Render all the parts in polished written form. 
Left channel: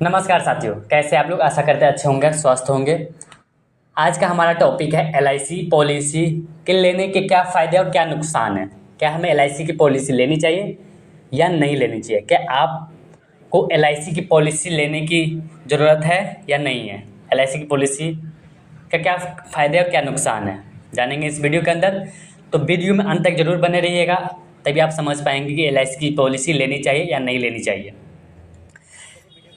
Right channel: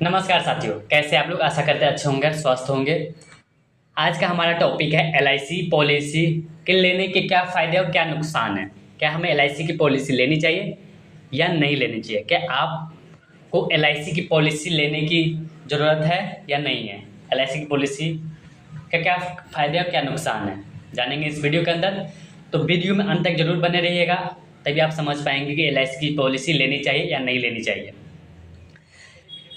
नमस्कार साथियों, कैसे आप लोग? आशा करते हैं अच्छे होंगे, स्वस्थ होंगे। आज का हमारा टॉपिक है एलआईसी पॉलिसी के लेने के क्या फ़ायदे और क्या नुकसान है। क्या हमें एलआईसी की पॉलिसी लेनी चाहिए या नहीं लेनी चाहिए? क्या आपको एलआईसी की पॉलिसी लेने की ज़रूरत है या नहीं है? एलआईसी की पॉलिसी का क्या फ़ायदे और क्या नुकसान है, जानेंगे इस वीडियो के अंदर। तो वीडियो में अंत तक ज़रूर बने रहिएगा, तभी आप समझ पाएंगे कि एलआईसी की पॉलिसी लेनी चाहिए या नहीं लेनी चाहिए।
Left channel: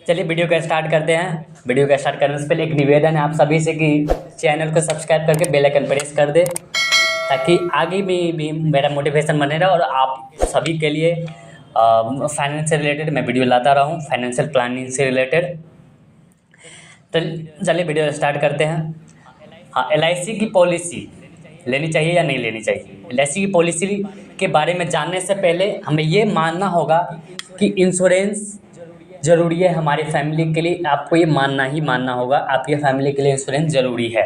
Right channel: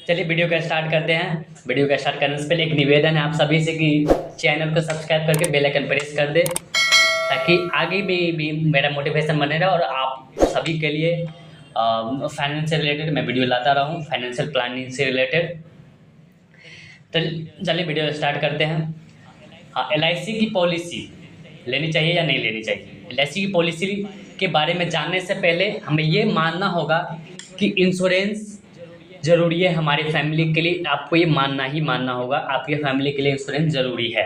चलिए वीडियो का स्टार्ट करते हैं। वीडियो का स्टार्ट करने से पहले एक निवेदन है आप सभी से कि चैनल को सब्सक्राइब करके बेल आइकन प्रेस कर दे, ताकि आगे भी मेरा मोटिवेशन बने रहे और आप सभी के लिए फाइनेंस से रिलेटेड मैं वीडियो लाता रहूँ, फाइनेंशियल प्लानिंग से रिलेटेड। तो चलिए वीडियो स्टार्ट करते हैं। हाँ, एलआईसी की पॉलिसी लेनी चाहिए या नहीं लेनी चाहिए। एलआईसी की पॉलिसी के बारे में जानने से पहले हमें ये मानना होगा कि इंश्योरेंस ज़रूरी है हमारी फैमिली के लिए। आपको ये मानना ही मानना होगा, आपकी फैमिली के लिए इंश्योरेंस ज़रूरी है।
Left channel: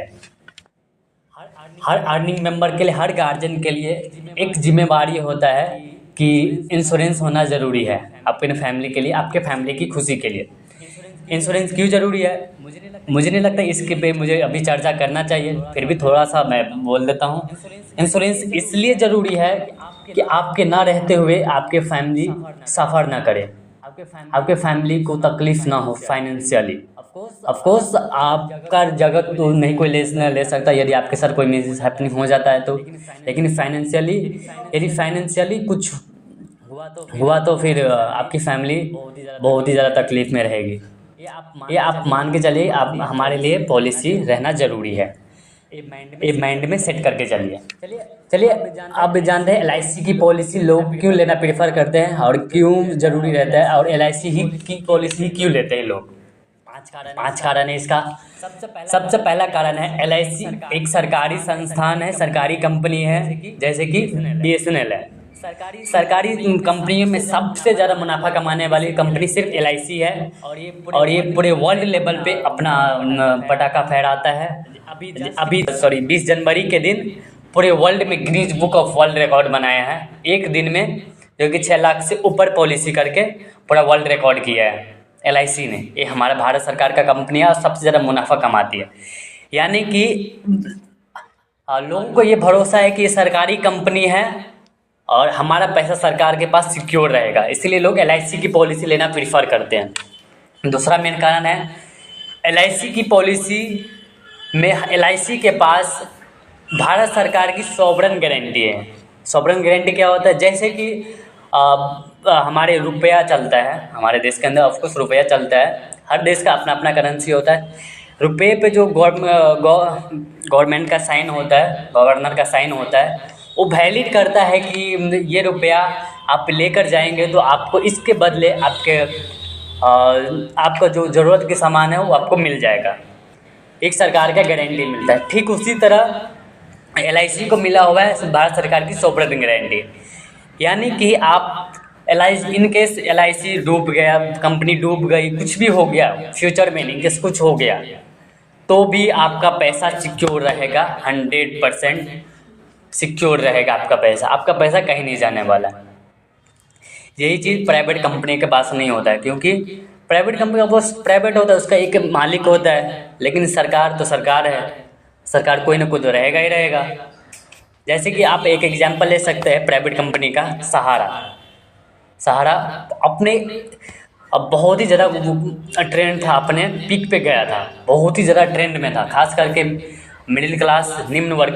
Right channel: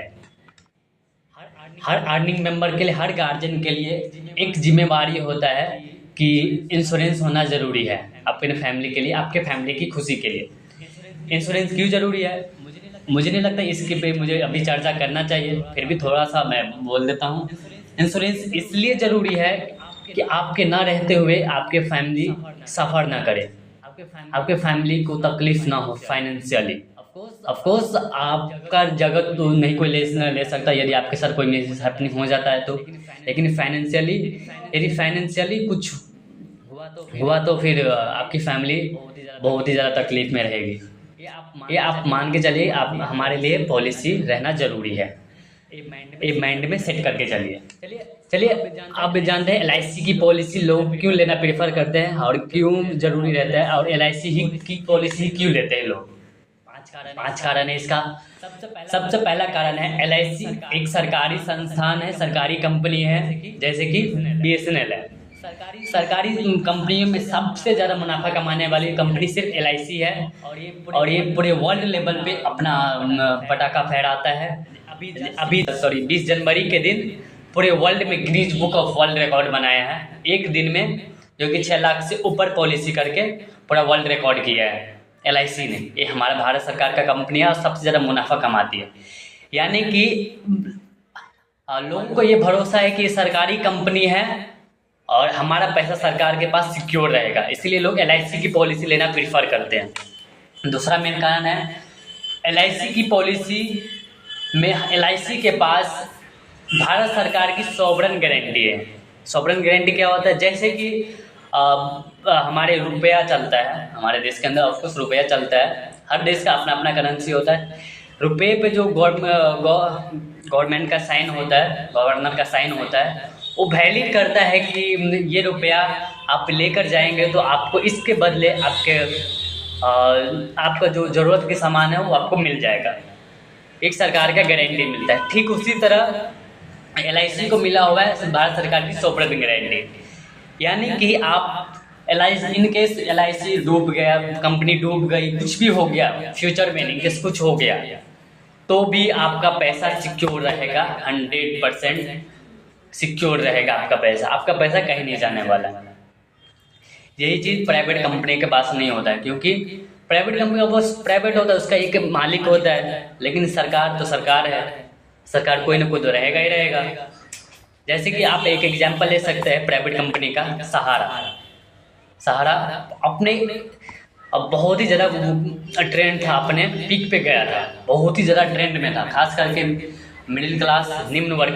हर अर्निंग मेंबर के लिए, हर गार्जियन के लिए एक जिम्मेवारी होता है कि इंश्योरेंस होना ज़रूरी है आपके फैमिली के लिए, आपके फैमिली की खुशी के लिए। इंश्योरेंस क्यों ज़रूरी है मुझे नहीं लगता इसके पे मुझे अभी चर्चा करना चाहिए, फिर भी थोड़ा सा मैं बोल देता हूँ। इंश्योरेंस इसलिए ज़रूरी है कि आपके ना रहते हुए आपके फैमिली सफ़र ना करे, आपके फैमिली को तकलीफ ना हो फाइनेंशियली। ऑफ कोर्स आपका जगह तो नहीं कोई ले सकता यदि आपके साथ कोई मिस हैपनिंग हो जाता है तो, लेकिन फाइनेंशियली यदि फाइनेंशियली कुछ हुआ तो फिर आपकी फैमिली बहुत ही ज़्यादा तकलीफ में रहेगी। ये आप मान के चलिए, आप हमारे लिए पॉलिसी रहना ज़रूरी है। ये माइंड में सेट करके चलिए आप भी जानते हैं एलआईसी की पॉलिसी लोग क्यों लेना प्रेफर करते हैं और क्यों ज़रूरी रहता है, और एलआईसी ही की पॉलिसी क्यों लेते हैं लोग। 5 कारण है इसका। सबसे पहला कारण है एलआईसी एक सरकारी संस्थान है, सरकारी कंपनी है, जैसे कि बीएसएनएल है। सरकारी कंपनियों में सबसे ज़्यादा मुनाफा कमाने वाली कंपनी सिर्फ एलआईसी है, और ये पूरे वर्ल्ड लेवल पे अपना पटाखा फहराता है। अभी 20 जनवरी के दिन पूरे वर्ल्ड में Guinness book of world record बनाया है एक दिन में, जो कि 6 लाख से ऊपर पॉलिसी करके पूरा वर्ल्ड रिकॉर्ड किया है एलआईसी ने। ये हमारा भारत सरकार का कंपनी है और सबसे ज़्यादा मुनाफा कमाती है। यानी कि लोगों को ये भरोसा है कि ये सरकारी कंपनी है और हमारा पैसा सरकार के पास सिक्योर रहेगा, इसीलिए लोग एलआईसी की पॉलिसी लेना प्रीफर करते हैं। दूसरा मेन कारण है एलआईसी की पॉलिसी में एलआईसी के पास भारत सरकार की सॉवरेन गारंटी है। सॉवरेन गारंटी क्या होता है? जैसे कि हमारे रुपया चलता है, हमारे देश के अंदर ऑफकोर्स रुपया चलता है, हर देश का अपना अपना करेंसी होता है। रुपये पे जो गवर्नमेंट का साइन होता है, गवर्नर का साइन होता है, वो वैलिड करता है कि ये रुपया आप लेकर जाएंगे तो आपको इसके बदले आपका जो ज़रूरत के सामान है वो आपको मिल जाएगा। एक सरकार का गारंटी मिलता है। ठीक उसी तरह एलआईसी को मिला हुआ है भारत सरकार की सॉवरेन गारंटी। यानी कि आप एलआईसी, इन केस एलआईसी डूब गया, कंपनी डूब गई, कुछ भी हो गया फ्यूचर में, इन केस कुछ हो गया, तो भी आपका पैसा सिक्योर रहेगा, 100% सिक्योर रहेगा आपका पैसा कहीं नहीं जाने वाला। यही चीज़ प्राइवेट कंपनी के पास नहीं होता है, क्योंकि प्राइवेट कंपनी का बस प्राइवेट होता है, उसका एक मालिक होता है, लेकिन सरकार तो सरकार है, सरकार कोई ना कोई तो रहेगा ही रहेगा। जैसे कि आप एक एग्जांपल ले सकते हैं प्राइवेट कंपनी का, सहारा अपने अब बहुत ही ज़्यादा ट्रेंड था, अपने पीक पे गया था, बहुत ही ज़्यादा ट्रेंड में था, खास करके मिडिल क्लास निम्न वर्ग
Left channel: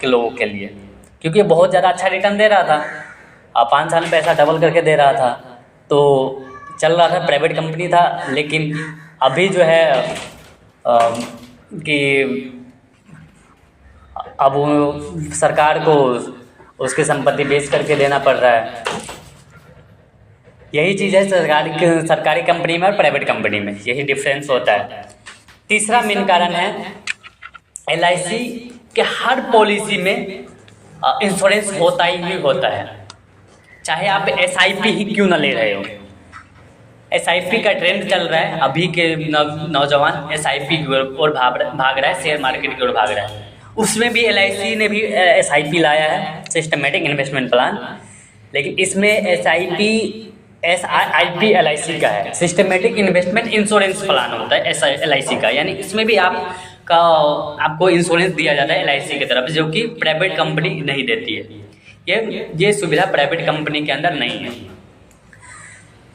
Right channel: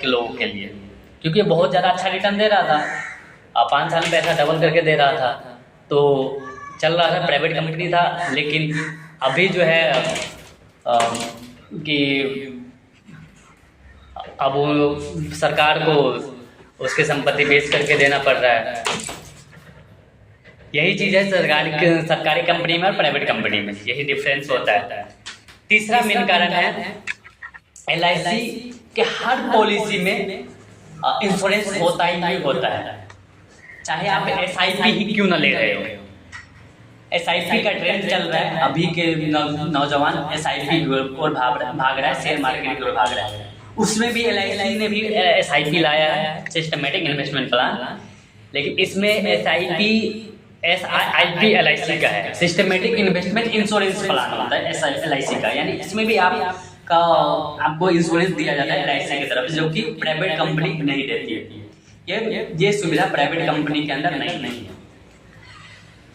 के लोगों के लिए, क्योंकि बहुत ज़्यादा अच्छा रिटर्न दे रहा था। 5 साल में पैसा डबल करके दे रहा था, तो चल रहा था, प्राइवेट कंपनी था। लेकिन अभी जो है कि अब वो सरकार को उसकी संपत्ति बेच करके देना पड़ रहा है। यही चीज़ है सरकारी कंपनी में और प्राइवेट कंपनी में, यही डिफरेंस होता है। तीसरा मेन कारण है एलआईसी के हर पॉलिसी में इंश्योरेंस होता ही होता है, चाहे आप एसआईपी ही क्यों ना ले रहे हो। एसआईपी का ट्रेंड चल रहा है, अभी के नौजवान एसआईपी की ओर भाग रहा है, शेयर मार्केट की ओर भाग रहा है। उसमें भी एलआईसी ने भी एसआईपी लाया है, सिस्टमेटिक इन्वेस्टमेंट प्लान, लेकिन इसमें एसआईपी SIP LIC का है, सिस्टमेटिक इन्वेस्टमेंट इंश्योरेंस प्लान होता है ऐसा LIC का, यानी इसमें भी आपको इंश्योरेंस दिया जाता है LIC की तरफ, जो कि प्राइवेट कंपनी नहीं देती है। ये सुविधा प्राइवेट कंपनी के अंदर नहीं है।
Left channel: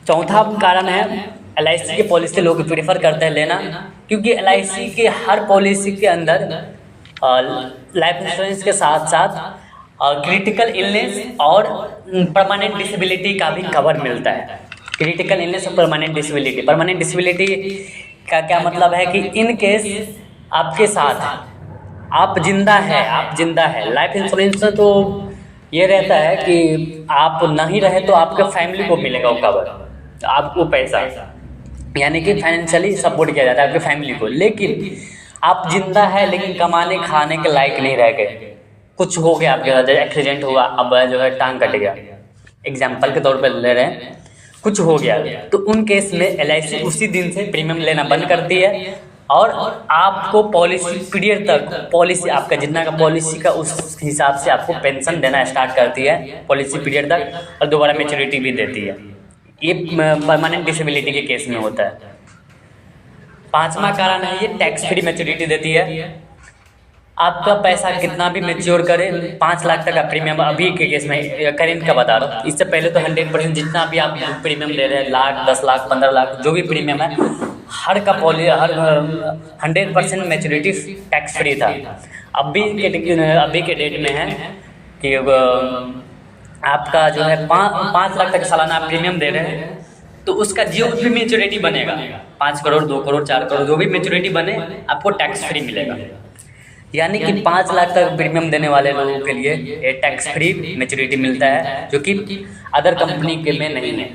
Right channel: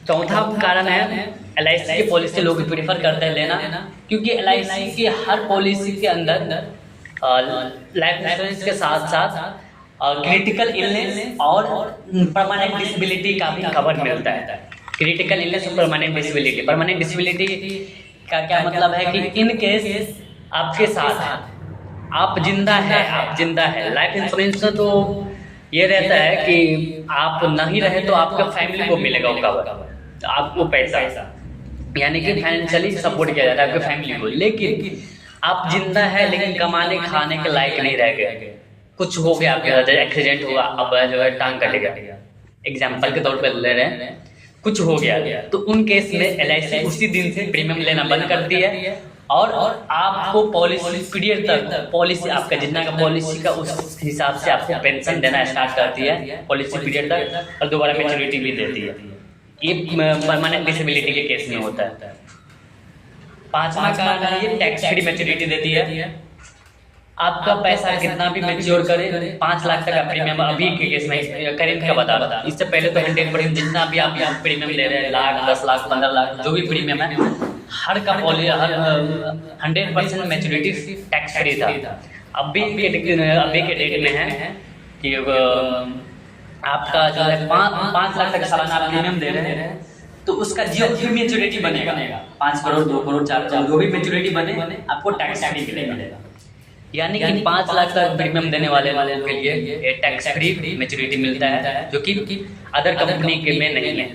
चौथा कारण है LIC की पॉलिसी लोग प्रेफर करते हैं लेना, क्योंकि LIC के हर पॉलिसी के अंदर लाइफ इंश्योरेंस के साथ साथ क्रिटिकल इलनेस और परमानेंट डिसेबिलिटी का भी कवर मिलता है। क्रिटिकल इलनेस और परमानेंट डिसेबिलिटी का क्या मतलब है कि इन केस आपके साथ आप जिंदा है। लाइफ इंश्योरेंस में तो ये रहता है कि आप नहीं रहे तो आपके फैमिली को मिलेगा वो कवर, आपको पैसा, यानी कि फाइनेंशियली सपोर्ट किया जाता है आपके फैमिली को। लेकिन आप जिंदा है लेकिन कमाने खाने के लायक नहीं रह गए, कुछ हो गया आपके साथ, एक्सीडेंट हुआ, अब जो है टांग कट गया, एग्जाम्पल के तौर पर ले रहे हैं, कुछ हो गया, तो उन केस में LIC उसी दिन से प्रीमियम लेना बंद करती है और आपको पॉलिसी पीरियड तक, पॉलिसी आपका जितना का पॉलिसी का उस हिसाब से आपको पेंशन देना स्टार्ट करती है पॉलिसी पीरियड तक, और दोबारा मैच्योरिटी भी देती है। ये परमानेंट डिसेबिलिटी के केस में होता है। पांचवा कारण है ये टैक्स फ्री मैच्योरिटी देती है। आपका पैसा कितना भी मैच्योर करे, 5 लाख तक का प्रीमियम अभी के केस में करेंट का बता रहा, इससे पहले तो 100% जितना भी आप प्रीमियम ले रहे हैं, लाख, 10 लाख, 15 लाख, जो भी प्रीमियम है, हर 100% मैच्योरिटी टैक्स फ्री था। अभी के डेट में है कि आपका जो है 5 लाख तक सालाना प्रीमियम दे रहे हैं, तो उसका जो भी मैच्योरिटी बनेगा, 5 करोड़, 2 करोड़, 4 करोड़, जो भी मैच्योरिटी बने आपको टैक्स फ्री मिलेगा। यानी कि 5 लाख तक प्रीमियम देने वाले लोगों के लिए ये टैक्स फ्री मैच्योरिटी मिलता है, जो कि अदर कंपनी के में नहीं है।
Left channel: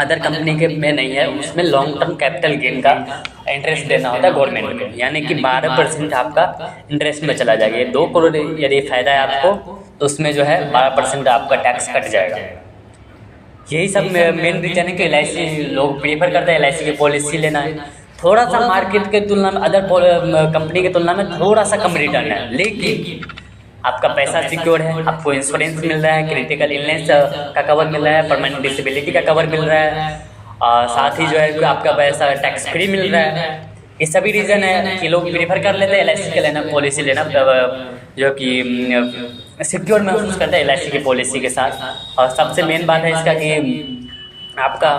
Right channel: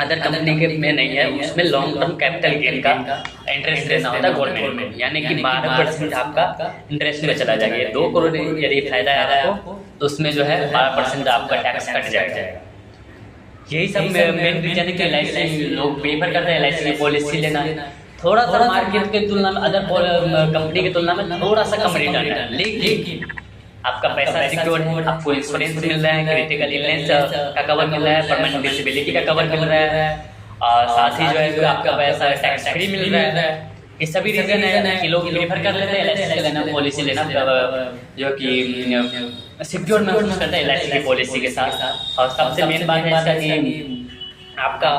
अदर कंपनी के में नहीं है, उसमें लॉन्ग टर्म कैपिटल गेन का इंटरेस्ट देना होता है गवर्नमेंट को, यानी कि 12% आपका इंटरेस्ट में चला जाएगा। 2 करोड़ यदि फायदा है आपको, तो उसमें जो है 12% आपका टैक्स कट जाएगा। यही सब मेन रीजन है कि LIC लोग प्रेफर करते हैं LIC की पॉलिसी लेना। थोड़ा सा मार्केट के तुलना में, अदर कंपनी की तुलना में थोड़ा सा कम रिटर्न है, लेकिन आपका पैसा सिक्योर है, आपको इंश्योरेंस मिल रहा है, क्रिटिकल इलनेस का कवर मिल रहा है, परमानेंट डिसेबिलिटी का कवर मिल रहा है, साथ ही जो है आपका पैसा टैक्स फ्री मिल रहा है। ये सभी रीजन है कि लोग प्रेफर कर लेते हैं LIC के लेना, पॉलिसी लेना, जो कि सिक्योर महसूस करते हैं LIC की पॉलिसी के साथ। और सबसे मेन बात है इसका कि आपका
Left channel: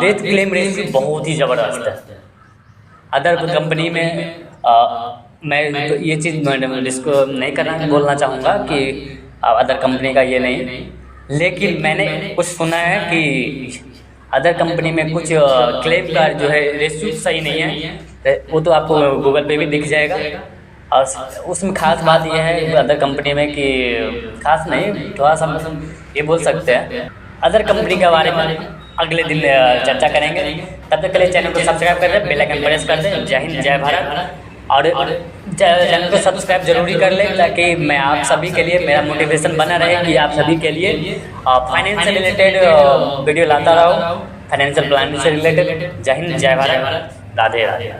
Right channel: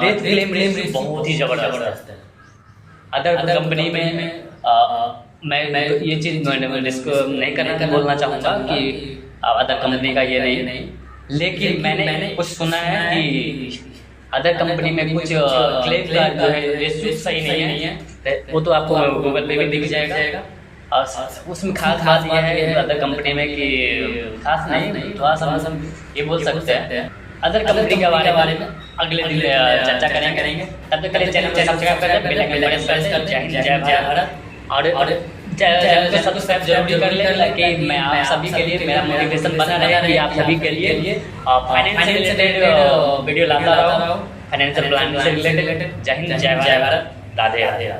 डेथ क्लेम रेट बहुत ही ज़बरदस्त है। अदर कंपनी में मैं ये चीज़ इसको नहीं करना बोलना चाहूँगा कि अदर कंपनी का ये नहीं, लेकिन मैंने कुछ सुना है कि अदर कंपनी में कुछ क्लेम का जो है रेशियो सही नहीं है, वो तो आपको गूगल पे भी दिख जाएगा। और उसमें खास बात यह है कि अदर कंपनी में कि खास नहीं, थोड़ा सा ये बोल सकते हैं अदर कंपनी के बारे में अगले दिन चर्चा करेंगे। तब तक के लिए चैनल को सब्सक्राइब कर दें, बेल आइकन प्रेस कर दें। जय हिंद, जय भारत। और चैनल को सब्सक्राइब जरूरी कर लें, ताकि मैं आप सभी के लिए, मेरा मोटिवेशन बना रहे कि आप सभी के लिए फाइनेंस से रिलेटेड वीडियो लाता रहूँ, फाइनेंशियल प्लान से रिलेटेड। जय हिंद, जय भारत, राधे राधे।